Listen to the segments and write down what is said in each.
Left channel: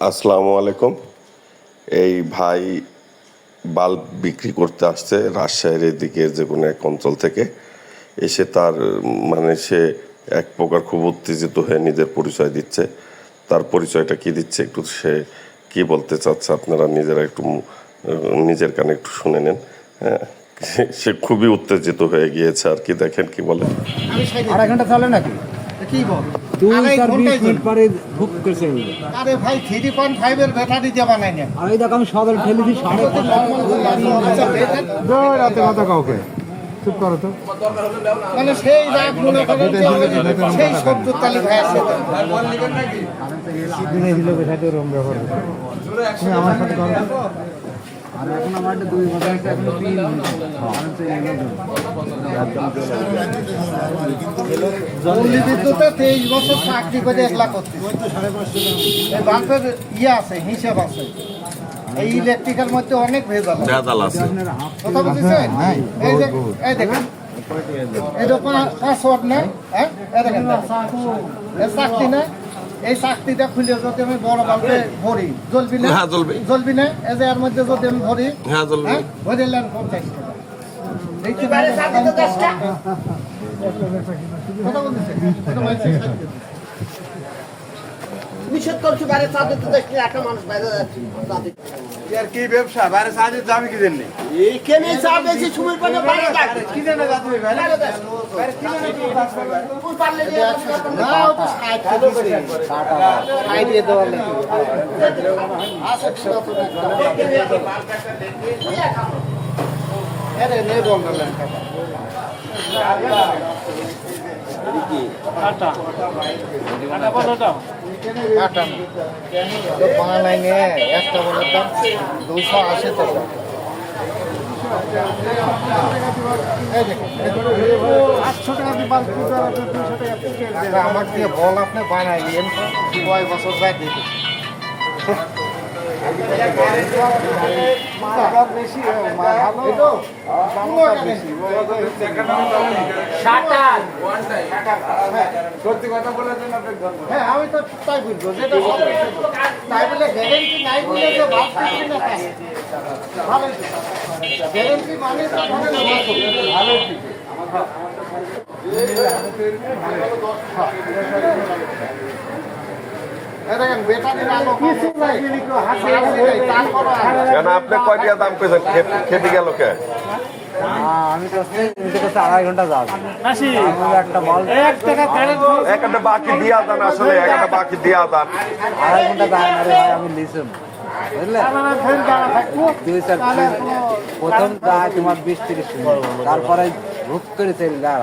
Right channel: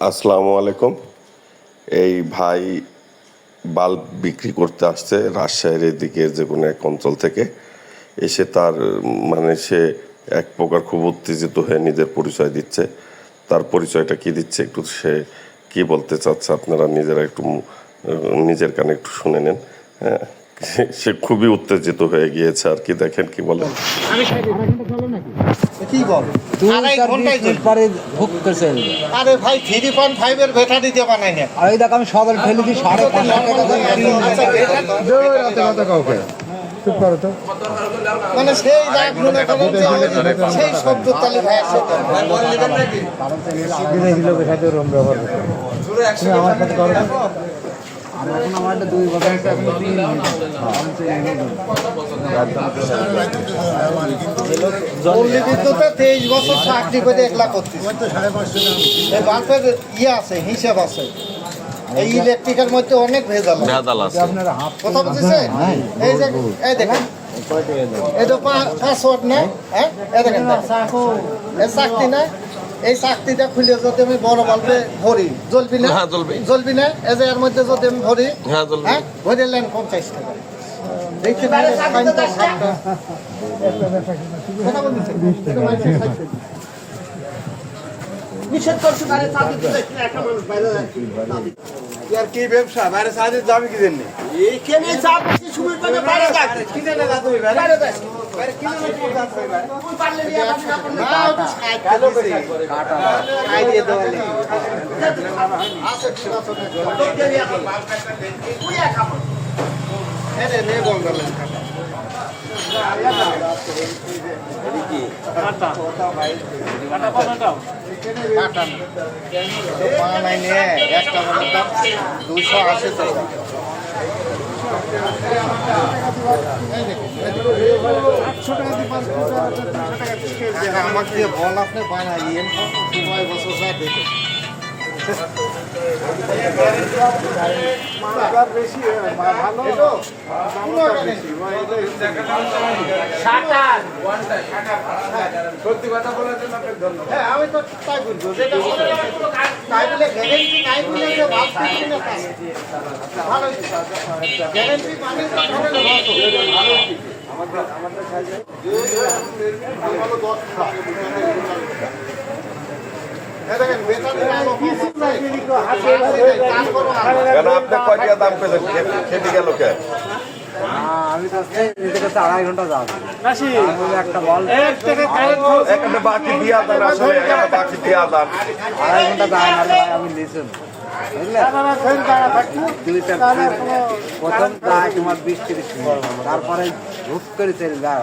আসসালামু আলাইকুম। এই ভাই বাল্ব বিক্রি করতে আসছে রাজশাহীর এদিকে যে কোনো এক অঞ্চল থেকে। এসে তার সে এক প্রকার খুব উত্তেজিত হয়ে নিজের পরিচয় দিচ্ছে। তার পরিচয়টা কি দিচ্ছে একটু সে কি বলতে চাচ্ছে আপনারা নিজেরা একটু নিজের কানে একটু শুনে নেন। হ্যাঁ, সে খুবই উত্তেজিত হয়ে গিয়েছে আর কি, দেখেন কি বলে। আড়াই ঘন্টা চলে নাকি? কি বল? আড়াই ঘন্টায় পরে ভোগ করছে। আরে ভাই 3.5 এর ব্যাটারি দিয়ে বানাই না। আর এই দেখো আমি সদল ফেলে দিই 5.5 কথা কাউকে চুপ করো তো। মানে সেই রাগ মনে করেন যে সেই 70 তালি ভাই আছে। দিনে দিলে ব্যাটারি রম ব্যবহার করতে। তুমি আমার সাথে করো। আর এখন আমরা একটা 2 বছর একটা 3 পল্লী বিদ্যুতে 23 বছর চাকরি করে একলা করতেছে। এই বাল্বের আছে, হিসাব আছে। এই ইলেকট্রিকের মধ্যে অনেক ভেজাল আছে। কথা বুঝছেন? এই যে এই দেখেন, এই তো পাসওয়ার্ড না, হ্যাঁ এই দেখেন, এই চাকতি না, এই চাকতিটা খুলে যদি আমি বড় বাল্বে ভরি জ্বলবি না? জ্বলবি না? এই যে এর মধ্যে যদি আমি ভরি, হ্যাঁ ভরে নেন 50 টাকা। দেখতে পারে নিষেধ করছি বাইরে চা দিতে একটা মানুষ বাইরে যাচ্ছে। আর কি ব্যবসা বাইরে সাহায্য যাবে কি জন্য? এইখানে চা বেশি সময় পেলে বাইরে যাক। কি জানা যা তুমি বাইরে? বাইরে যাক। বাইরে কি জানা কোন পারলে নিয়ে আসি আপনার খাই দিয়ে দেওয়া নেই। আরে নে বন্ধ লেন কাটা। কাটা কতটা? কাটা না। তো বানাই নিয়ে একটা মানে দাম 280 টাকা। আমার দিয়ে বল আপনি বানাই নিয়েন, 2 বছর যাই দেখে বেশি ভালো সত্যি কথা বলার জন্য আপনাকে ধন্যবাদ। হ্যাঁ আমি তো তাই বুঝবো যেটা তাই বলে গ্যারেন্টি নাই বলে যে ভাবছি না ভালো গ্যারেন্টি মানে ভালো আমি তো নিতে করতে 2.5 ঘন্টা যাবো। একটা বল 2.5 ঘন্টা যায় না রে ভাই, আমি নিচে বুঝলে প্রথম যায় তোমার 20-30 মিনিট, তারপরে ভুক করে চলে যায়।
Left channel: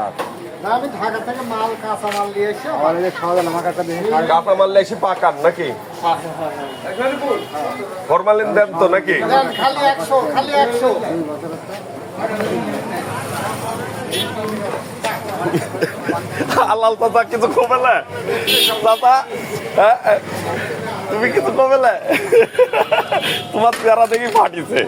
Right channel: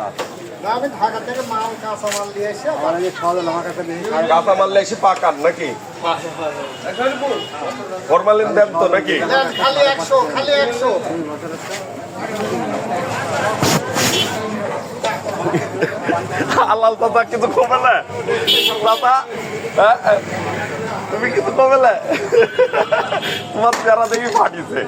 আমি ঢাকা থেকে মাল কাঁচা মাল নিয়ে এসে আমার যে সদল আমার কাছে কাঁচামাল এসে পাকান নাকি ফরমালিন দেন তো নাকি? খালি 100 খালি 100 হালাল দাদা কিছু কমে না দাদা, তুমি কিছু কমে না, তোমার চেহারা দেখি ফাটিছে।